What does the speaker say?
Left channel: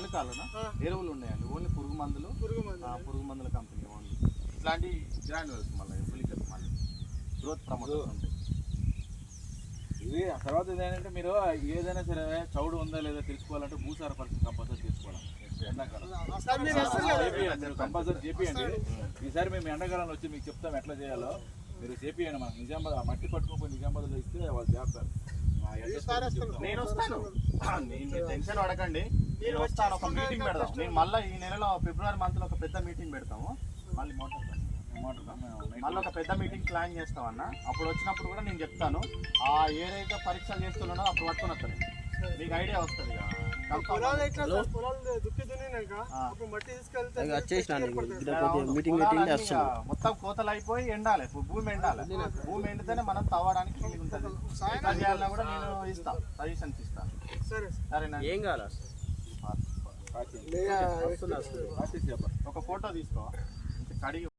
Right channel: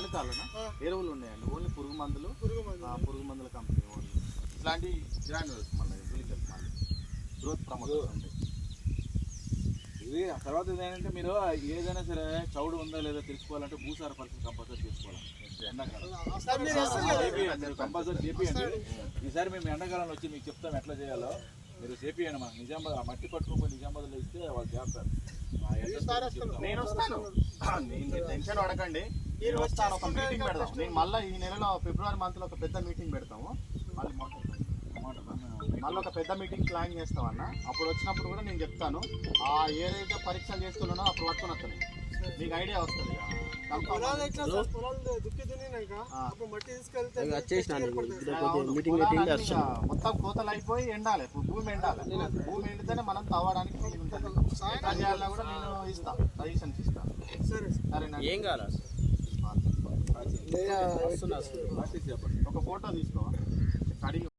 చలికాలన ఎరువులు ఉన్నాయండి, ఓన్లీ పురుగు మందుల కంపెనీ ఓన్లీ. ఇట్లాంటి గ్రాన్యుల్స్ మళ్ళీ పులికలు మళ్ళీ గ్రోత్ ప్రమోటర్స్ ఉంటాయి. ఇది తర్వాత ఏంటంటే మీరు ఏదైనా సరే చౌడు ఉందా లేదా తెలుసుకోవాలంటే భూసార పరీక్ష కంపల్సరీ చేసుకోవాలి. ఎండాకాలం మీరు కంపల్సరీ చేపియండి. ఈసారి మేము ఎండాకాలంలో వచ్చి మీకు చెప్తాం ఎట్లా చేయాలో, మీరు చేపియండి. మనకు నిజామాబాద్ మట్టి పట్టుకోపోయి నిజామాబాద్లో ఇస్తే వాళ్ళు చేస్తారు. నేను వస్తాను, టెన్షన్ పడకండి, నేను వస్తాను. ఒక మీటింగ్ పెడతాం. నేను మళ్ళీ ఈ నెలలో ఫిబ్రవరి మంత్లో ఒక పెద్ద మీటింగ్ పెడతాము. మళ్ళీ ఒక పెద్ద మీటింగ్ ప్లాన్ చేస్తాం అన్న. అప్పుడు వచ్చినప్పుడు కూడా నేను చెప్తాను, ఆ ఏదైతే పరీక్షలు చేస్తున్నానో అప్పుడు పట్టుకుని వస్తాను, మీకు ఐడియా వస్తుంది. మొత్తం కోతలు అయిపోయి ఎండాలి, భూమి ఎండాలి. భూమి ఎండితేనే మనం తవ్వడానికి ఉంటుంది. ఎట్లా చేయాలన్నా కూడా నేను ఇస్తాను, సజెషన్స్ ఇస్తాను. సరేనా? ఏం కావాలి? ఒక ఫోటో తీసుకో, అడిగి